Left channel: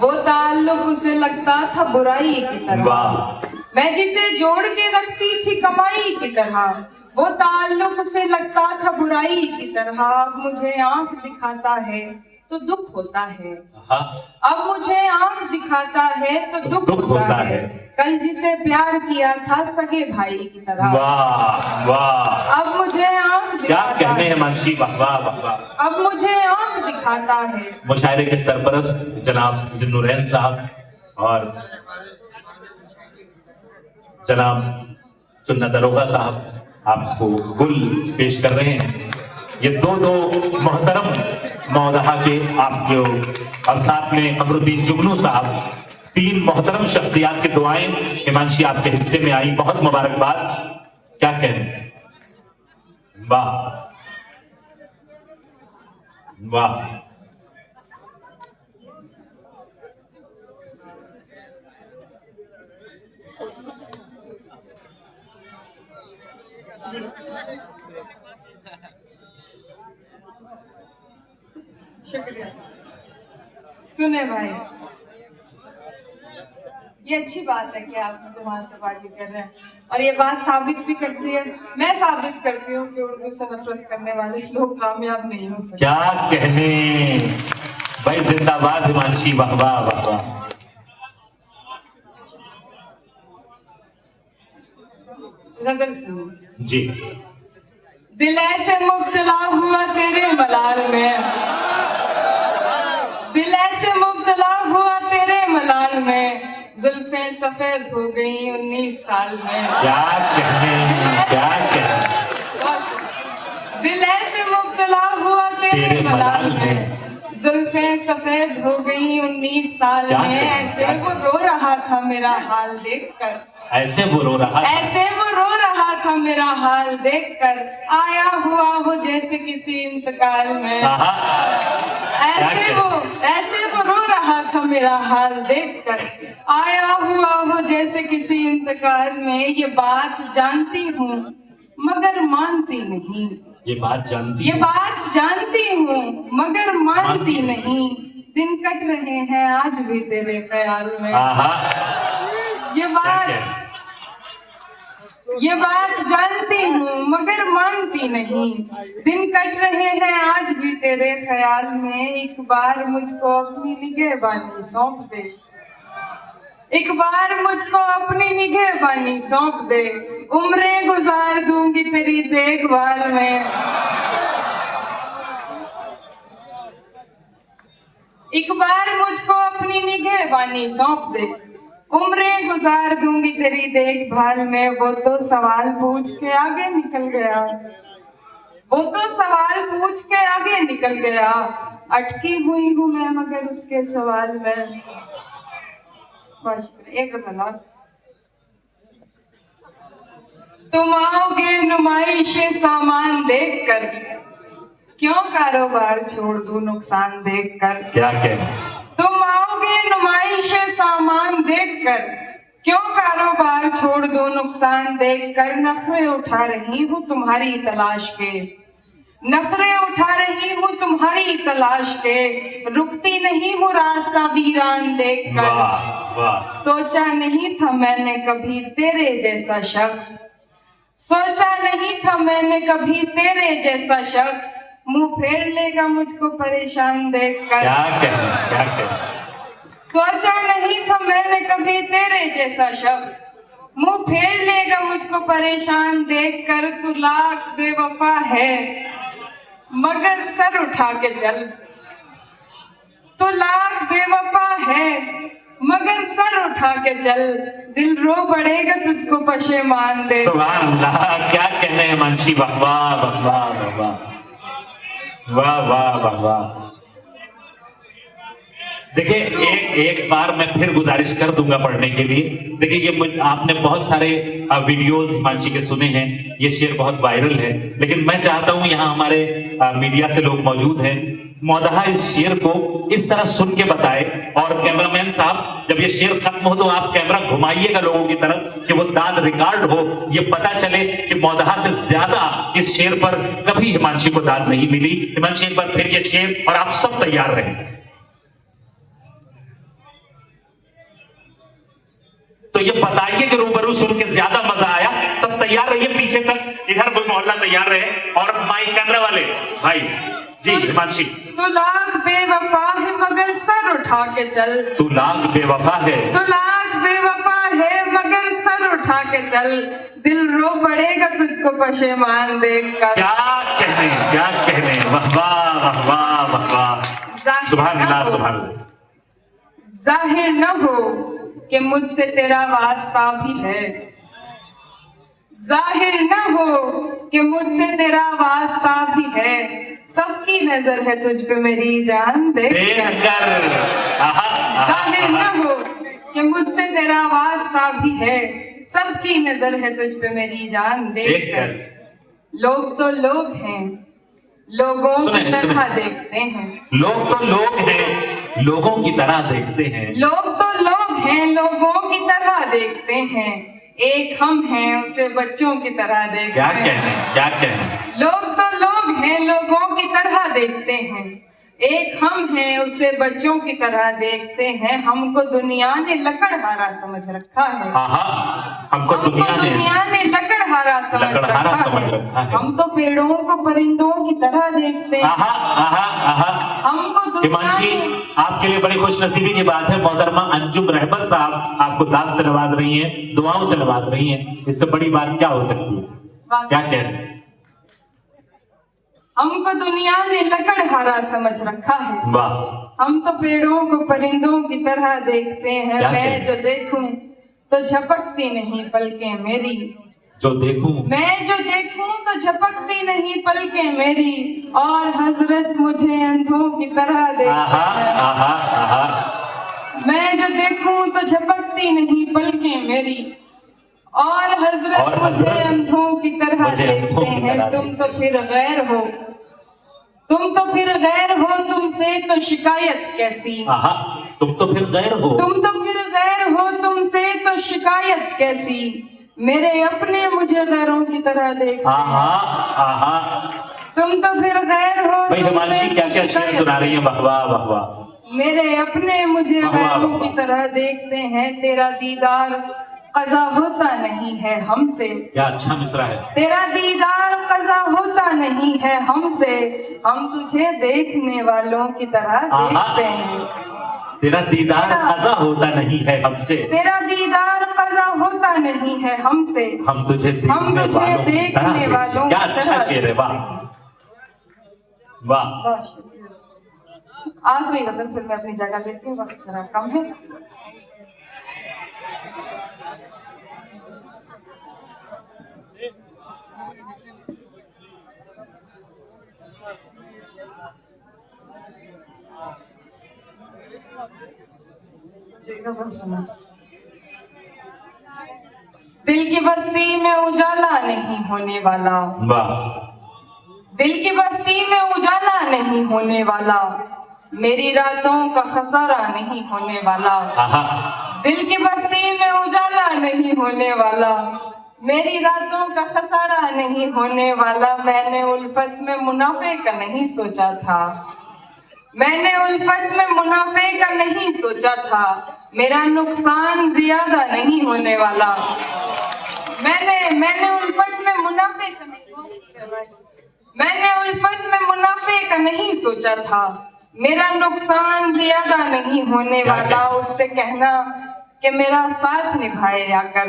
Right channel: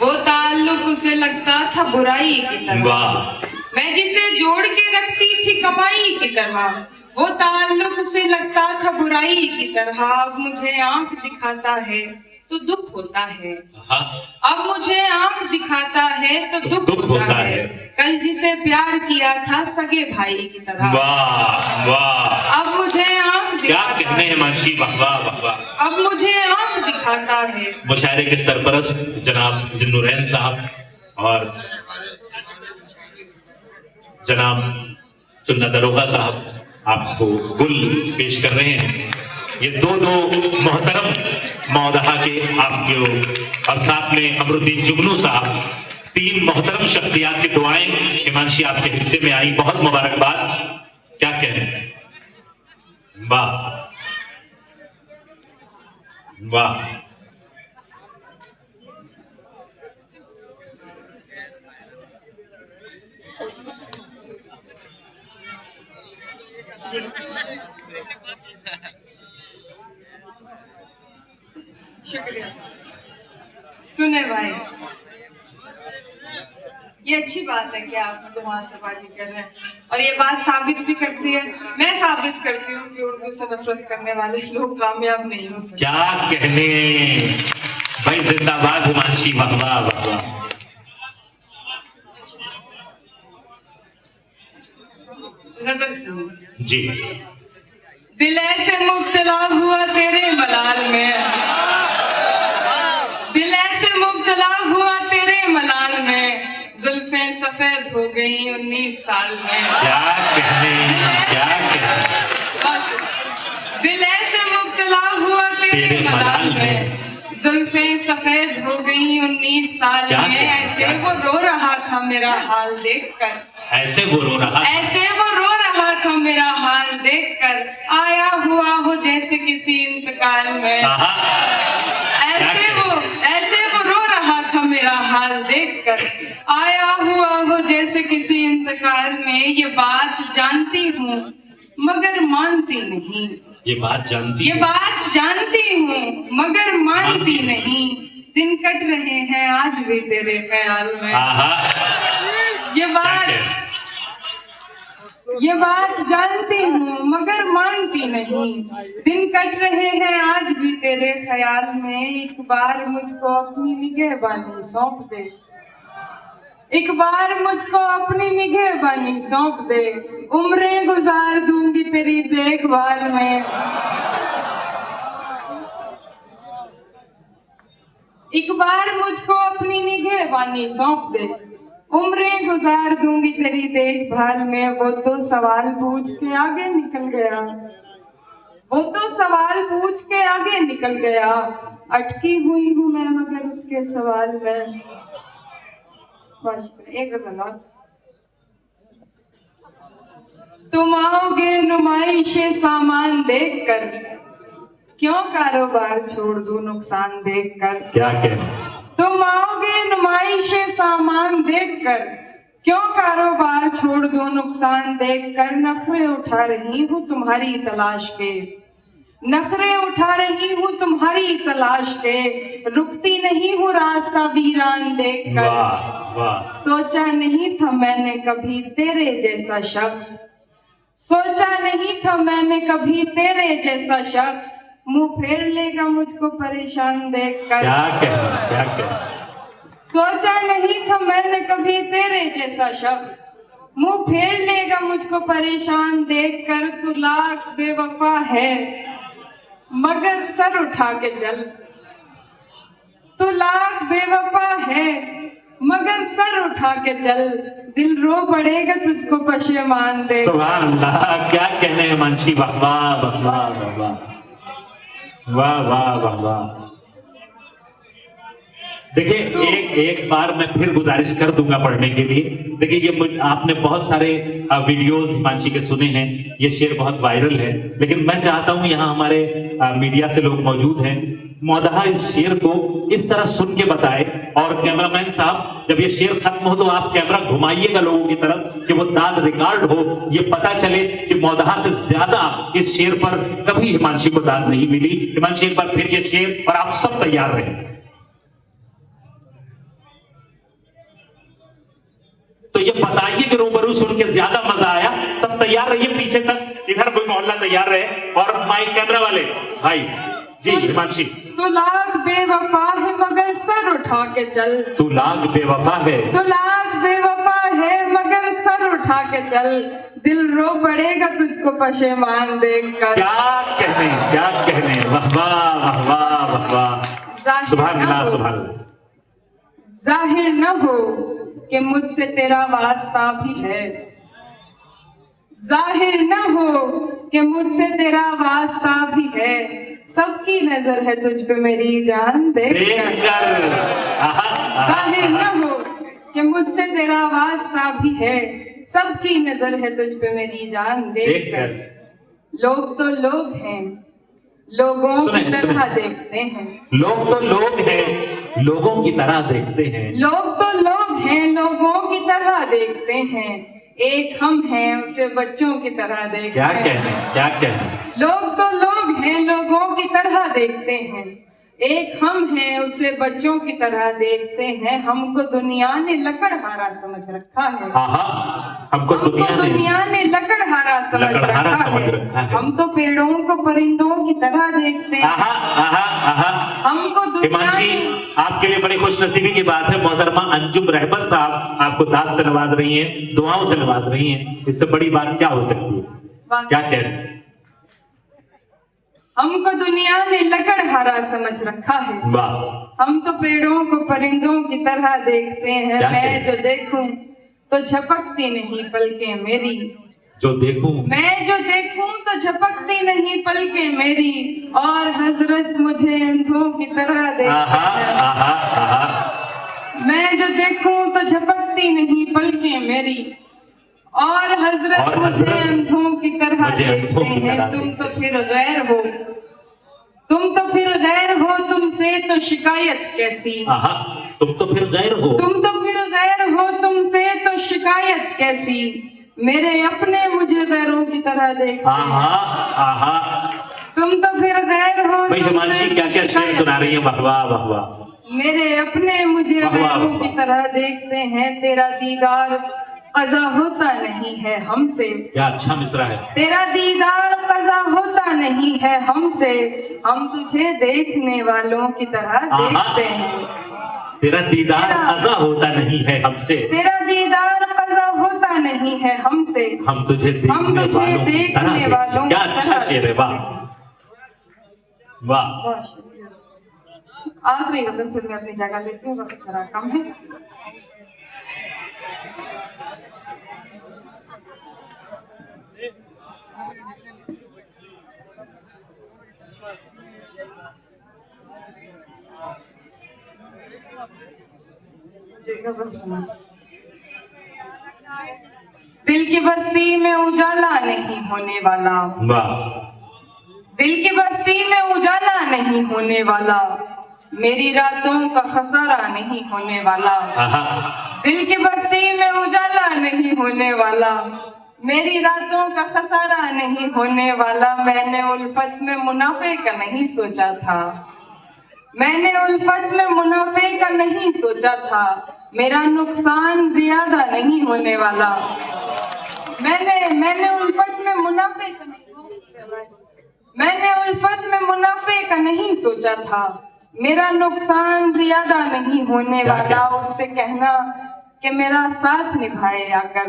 वो ताल्लुक उसे लगता था बुराई की तरह, वाह। मैं जिसे जोड़ के रखती थी कमाई की तरह, वो ताल्लुक उसे लगता था बुराई की तरह। अब मुझे आंख दिखाता है तो दुख होता है, हाँ। अब मुझे आंख दिखाता है तो दुख दुख होता है। कल जिसे प्यार किया था सगे भाई की तरह, वाह वाह, अब मुझे आंख क्या दिखाता कहने है, हैं मानसी, वाह वाह वाह वाह। अब मुझे आंख दिखाता है। मुशायरे के सरपरस्त जनाब जिन्नुरैन साहब और जनाब चुन्ना दरोगा साहब आपको गुल पेश कर रहे हैं। ये दो मोहतरम मौदहा के आपके, और साथ में अमरुद्दीन जुगनू साहब, तीन मोहतरम शख्सियात की दुआएं हिमांशी आपके हिस्से में आई, बहुत मुबारकबाद। क्या कहने, वाह वाह। शुक्रिया। सुने भाई, ये अच्छी बात है कि आप मुझे मुहासबाजी कर रहे हैं, और ये बात साबित भी करती है, मैं साबित करती हूँ कि उर्दू से नफरत करने वाले लोग कामयाब नहीं हो सकते। क्या कहने भाई, जिंदाबाद हिमांशी, वाह वाह वाह वाह। गजल सुनो जी। दिल ऐसे मुब्तला हुआ तेरे मलाल में, दिल ऐसे मुब्तला हुआ तेरे मलाल में, जुल्फें सफेद हो गई 19 साल में। क्या कहने, क्या कहने, दिल ऐसे मुब्तला हुआ तेरे मलाल में, जुल्फें सफेद हो गई 19 साल में। ऐसे वो रो रहा था मेरा हाल देखकर, ऐसे वो रो रहा, ऐसे वो रो रहा था मेरा हाल देखकर, आया हुआ हो जैसे किसी इंतकाल में। ऐसे वो रो रहा था मेरा हाल देखकर, आया हुआ हो जैसे किसी इंतकाल में। ये बात जानती हूँ मगर मानती नहीं, ये बात जानती, ये बात जानती हूँ मगर मानती नहीं। दिन कट रहे हैं आज भी तेरे ख्याल में। ये बात जानती हूँ मगर मानती नहीं। दिन कट रहे हैं आज भी तेरे ख्याल में। एक बार मुझको अपनी निगहबानी सौंप दे, एक बार मुझको अपनी निगहबानी सौंप दे, उम्रें गुजार दूंगी तेरी देखभाल में। एक बार मुझको अपनी निगहबानी सौंप दे, उम्रें गुजार दूंगी तेरी देखभाल में। वो तो सवाल पूछ के आगे निकल गया, वो तो सवाल पूछ के आगे निकल गया, अटकी हुई हूँ मैं मगर उसके सवाल में। एक गज़ल और। तुम आओगे नुमाइशे सामान देखकर, क्यों कारोबार छोड़ दूं नुकसान देखकर। क्या कहना, तुम आओगे नुमाइशे सामान देखकर, क्यों कारोबार छोड़ दूं नुकसान देखकर। नखरे उठा रही हूँ तुम्हारी तलाश के, नखरे उठा रही हूँ तुम्हारी तलाश के, रुकती नहीं हूँ रास्ता वीरान देखकर। सोचा नहीं था मैंने कभी तेरे जैसा शख्स, सोचा नहीं था मैंने कभी तेरे जैसा शख्स, मुंह फेर लेगा मुझको परेशान देखकर। क्या कहना, क्या कहना। सोचा नहीं था मैंने कभी तेरे जैसा शख्स, मुंह फेर लेगा मुझको परेशान देखकर। तू लाख बेवफा है मगर सर उठा के चल, तू लाख बेवफा है मगर सर उठा के चल, दिल रो पड़ेगा तुझको पशेमान दे। सुभान अल्लाह, क्या कहने हैं मानसी, वाह वाह वाह वाह वाह वाह वाह वाह। देखिए एक बार मैं फिर गुजारिश कर दूंगा पढ़ने के लिए। देखिए ये आपने बहुत सारे वीडियोस हिमांशी के सुने हैं, ये शेर बहुत वायरल है, लेकिन मैं चाहता हूं यहाँ हमारे मीडिया से लोग मौजूद हैं, मौदहा इस शेर को इस तरह सुन के बताए। और कैमरामैन साहब जब ये शेर खत्म हो तो आप कैमरा घुमाइएगा लोगों की तरफ कि वो दाद रिकॉर्ड हो, ये पता चले कि मौदहा से ज्यादा इस शेर पर कभी हिमांशी को दाद नहीं मिली। हिमांशी एक बार फिर ये शेर, और आप सब तैयार रहे। तो ये बताइए कि रूबरू सुन के ज्यादा मजा आया। सब तैयार रहिए पीछे तक, इधर कोई मोहल्ला तैयार रहे, और माइक कैमरा वाले भाई जी हिमांशी। तू लाख बेवफा है मगर सर उठा के चल, तू लाख बेवफा है, तू लाख बेवफा है मगर सर उठा के चल, दिल रो पड़ेगा तुझको पशेमान देखकर। क्या कहने, वाह वाह वाह वाह वाह, सुभान अल्लाह सुभान अल्लाह। जाहिर न हो कि मुझसे तेरा वास्ता भी है, जाहिर न हो कि मुझसे तेरा वास्ता भी है, सबकी नजर है तुझ पे मेरी जान देखकर। जाहिर न हो कि मुझसे तेरा वास्ता भी है, सबकी नजर है तुझ पे मेरी जान देखकर। लोग तो लोग हैं, लोगों की तरह देखते हैं। लोग तो लोग हैं, लोगों की तरह देखते हैं। लोग तो लोग हैं, लोगों की तरह देखते हैं, एक हम हैं उसे बच्चों की तरह देखते हैं। क्या कहने। लोग तो लोग हैं, लोगों की तरह देखते हैं, एक हम हैं उसे बच्चों की तरह देखते हैं। हमको दुनिया ने लकड़हारा समझ रखा है, हमको दुनिया ने लकड़हारा समझ रखा है। हम तो पेड़ों को परिंदों की तरह देखते हैं। हमको हिमांशी, आपके लिए बड़ी खुशनसीबी की बात है, मोहतरमा अंजुम रहबर साहब आपको दाद से नवाज रही हैं, दुआओं से नवाज रही हैं। इससे बड़ी बात क्या हो सकती है? क्या कह रहे हैं? हमको दुनिया ने लकड़हारा समझ रखा है, वाह। हम तो पेड़ों को परिंदों की तरह देखते हैं। मैं जो देखूं तो झपकती नहीं पलकें मेरी, जो देखूं मैं जो देखूं तो झपकती नहीं पलकें मेरी, और हजरत मुझे अंधों की तरह देखते हैं। मैं जो देखूं तो झपकती नहीं पलकें मेरी, और हजरत मुझे अंधों की तरह देखते हैं। तुम तो फिर गैर हो, तुम तो फिर गैर हो, तुमसे तो शिकायत कैसी। तुम तो फिर गैर हो, तुम तो फिर गैर हो, तुमसे तो शिकायत कैसी, मेरे अपने मुझे गैरों की तरह देखते हैं। तुम तो फिर गैर हो। भाई हिमांशी क्या क्या शेर सुना रही है, वाह वाह वाह वाह। मेरे अपने मुझे गैरों की तरह देखते हैं। तेरा दीदार कज़ा होता नहीं है हमसे, क्या अच्छा मिसरा है। तेरा दीदार कज़ा होता नहीं है हमसे, हम तुझे देखने वालों की तरह देखते हैं। तेरा दीदार कज़ा होता नहीं है हमसे, तेरा दीदार कज़ा होता नहीं है हमसे, हम तुझे देखने वालों। क्या अच्छा शेर है, वाह वाह। आखिरी गजल फिर मैं अपनी जगह लेती हूँ, वक्त जरा कम है। दिल की बस्ती में उजाला नहीं होने वाला, दिल की बस्ती में उजाला नहीं होने वाला, मेरी रातों का खसारा नहीं होने वाला। दिल की बस्ती में उजाला नहीं होने वाला, मेरी रातों का खसारा नहीं होने वाला। मैंने उल्फत में मुनाफे का नहीं सोचा था, मैंने उल्फत में मुनाफे का नहीं सोचा था, मेरा नुकसान ज्यादा नहीं होने वाला। मैंने उल्फत में मुनाफे का मैंने उल्फत में मुनाफे का नहीं सोचा था, मेरा नुकसान ज्यादा नहीं होने वाला। उससे कहना कि मेरा साथ निभाए आकर,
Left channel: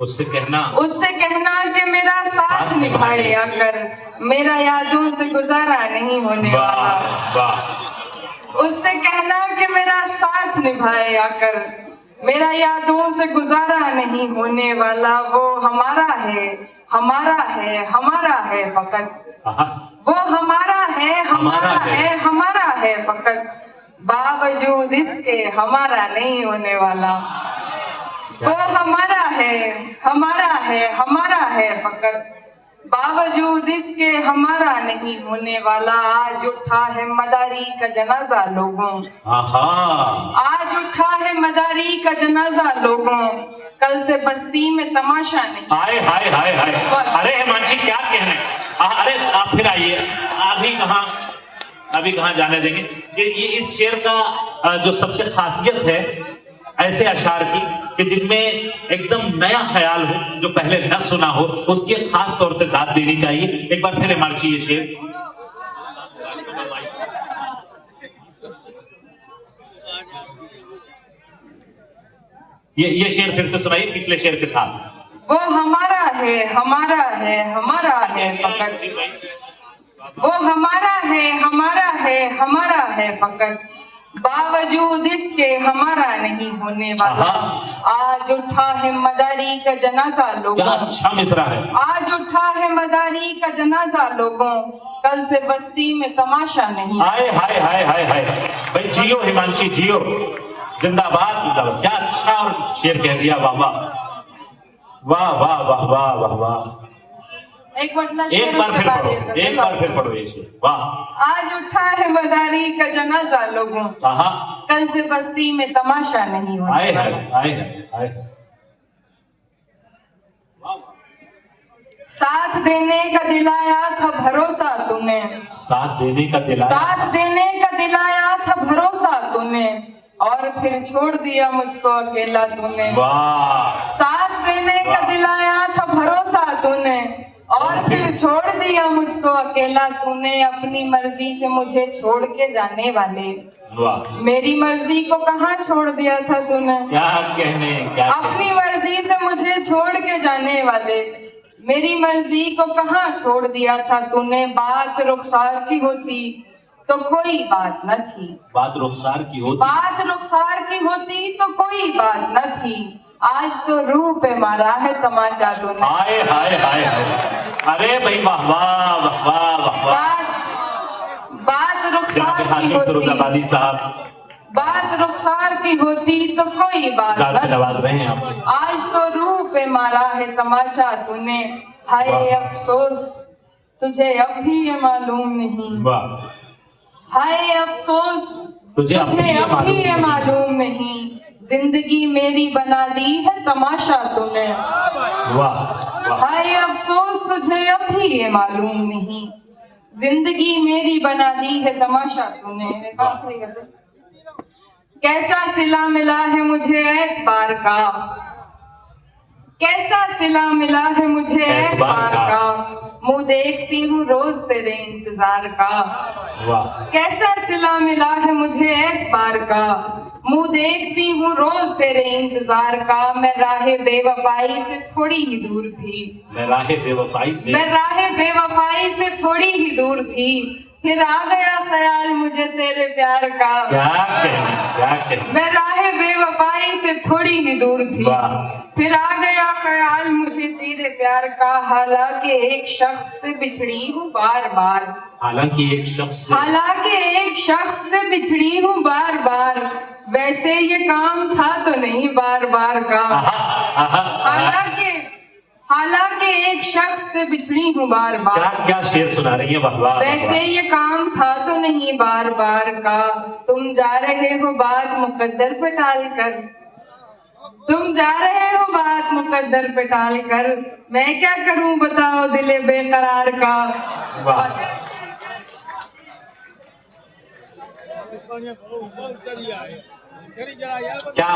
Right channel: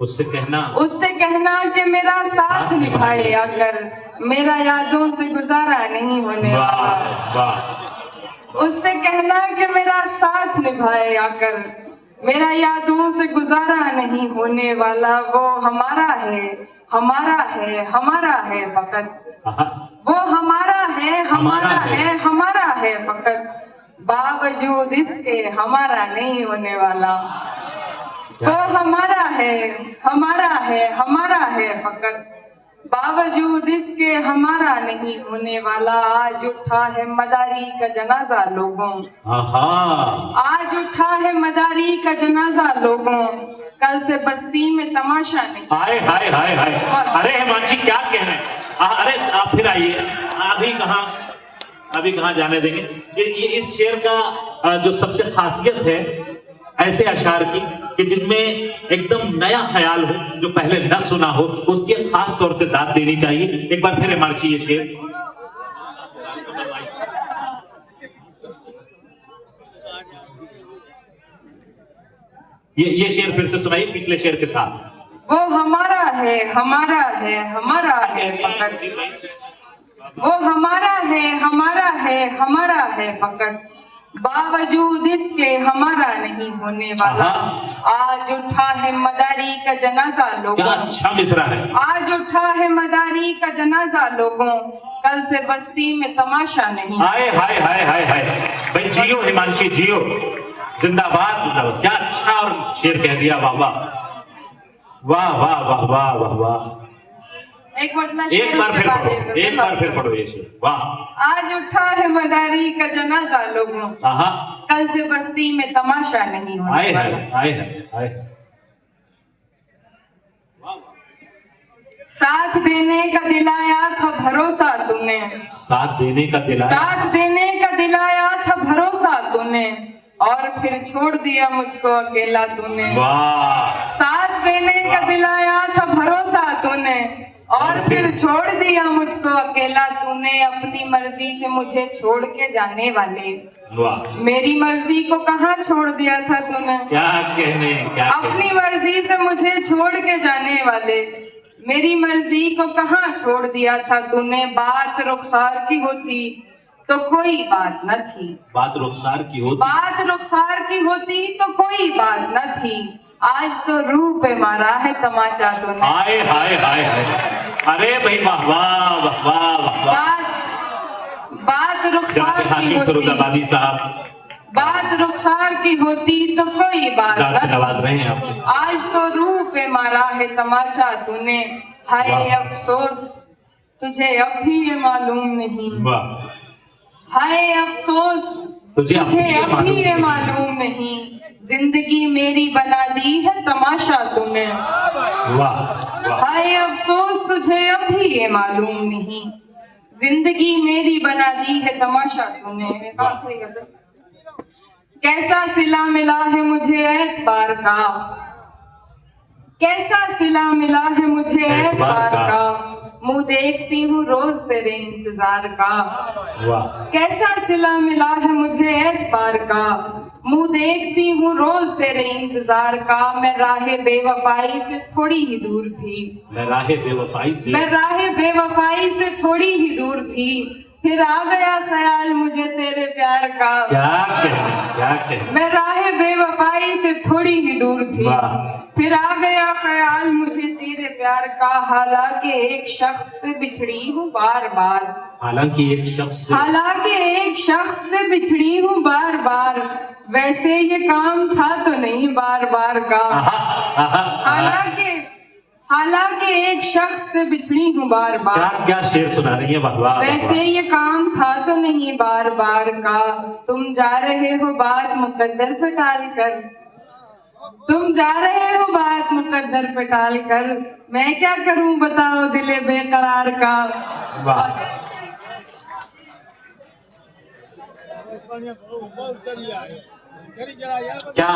उससे कहना कि मेरा साथ निभाए आकर, मेरा यादों से गुजारा नहीं होने वाला। उससे कहना कि मेरा साथ निभाए आकर, मेरा यादों से गुजारा नहीं होने वाला। वो हमारा है, हमारा है, हमारा है फकत, वो हमारा है, हमारा है, हमारा है फकत, बावजूद इसके हमारा नहीं होने वाला। वो हमारा है, हमारा है, हमारा है फकत, बावजूद इसके हमारा नहीं होने वाला। आज उठा है मदारी का जनाजा लोगों, आज उठा है मदारी का जनाजा लोगों, कल से बस्ती में तमाशा नहीं। हाय हाय हाय हाय। अरे हिमांशी क्या कहने, अरे आप फिर आइए। अभी कहाँ जाने देंगे। ये इस शेर का जो सबसे खासियत है ऐसे अशार की कि जिनमें एकदम नया ख्याल हो, जो पहले न सुना हो, उसकी एक खास तौर से दाद देनी चाहिए। एक बार फिर इमारची ये शेर। ये शेर फिर से सुनाइए पिछले शेर के साथ। वो हमारा है हमारा है हमारा है फकत, वो हमारा है हमारा है हमारा है फकत, बावजूद इसके हमारा नहीं होने वाला। आज उठा है मदारी का जनाजा क्या लोगों, अच्छा मिसरा है। आज उठा है मदारी का जनाजा लोगों, कल से बस्ती में तमाशा नहीं। हाय हाय हाय हाय हाय, भाई जियो हिमांशी जियो, जिंदाबाद जिंदाबाद। क्या अच्छा और शेर कह दिया, वाह वाह वाह वाह वाह वाह वाह वाह। एक मतलब एक बार फिर पढ़ो, एक बार फिर पढ़ो ये शेर, वाह। आज उठा है मदारी का जनाजा लोगों, हाँ, कल से बस्ती में तमाशा नहीं होने हाय हाय वाला। हाय हाय। साथ देने का दिलाया था भरोसा तूने, साथ देने का दिलाया, साथ देने का दिलाया था भरोसा तूने, और फिर छोड़ दिया मुझको अकेला तूने। वाह। साथ देने का दिलाया था भरोसा तूने, और फिर छोड़ दिया मुझको अकेला तूने। अपनी मर्जी से मुझे छोड़ के जाने वाले, वाह। मेरी मर्जी को कहाँ छोड़ दिया था तूने। क्या कहने, क्या अपनी मर्जी से मुझे छोड़ के जाने वाले, मेरी मर्जी को कहाँ छोड़ दिया था तूने। बात रुखसार की होती तो कोई बात न थी, बात रुखसार की होती, बात रुखसार की होती तो कोई बात न थी। आज तो रूह पे मारा है तमाचा तूने। हाय हाय हाय हाय। अरे भाई वाह वाह वाह वाह वाह वाह। बात रुखसार की हाशिम होती, फिरोजाबादी साहब, बात रुखसार की होती तो कोई बात गाज से न नवाज रहे हैं आप। आज तो रूह पे मारा है तमाचा तूने। हाय अफसोस तुझे अब भी ये मालूम नहीं, वाह। हाय अफसोस तुझे तुझे अब भी ये नहीं। मालूम नहीं, जिंदगी मेरी बना दी है तमाशा तूने। वाह वाह। हाय अफसोस तुझे अब भी ये मालूम नहीं, जिंदगी मेरी बना दी है तमाशा तूने। आखिरी गजल। कैसा सिला मिला है मुझे एतबार का, कैसा सिला मिला है मुझे एतबार का, मुंह देखती हूँ रोज तेरे इंतजार का। वाह। कैसा सिला मिला है मुझे एतबार का, मुंह देखती हूँ रोज तेरे इंतजार का। मैं राहे बेवफाई से थोड़ी ही दूर थी, मैं राहे बेवफाई से, मैं राहे बेवफाई से थोड़ी ही दूर थी, फिर आ गया ख्याल मुझे तेरे प्यार का। क्या कहने, क्या कहने। मैं राहे बेवफाई से थोड़ी ही दूर थी, वाह। फिर आ गया ख्याल मुझे तेरे प्यार का। हालांकि एक शख्स से बिछड़ी हूँ बार बार, हालांकि एक शख्स से, हालांकि एक शख्स से बिछड़ी हूँ बार बार, वैसे ये काम था तो नहीं बार बार का। हालांकि हालांकि एक शख्स से बिछड़ी हूँ बार क्या बार, क्या शेर सुना रही है, वाह वाह। वैसे ये काम था तो नहीं बार बार का। तुम जा रहे हो बात मुकद्दर पे टाल कर, तुम जा रहे हो बात मुकद्दर पे टाल कर, मैं क्या करूं बताओ दिले बेकरार का। वाह। क्या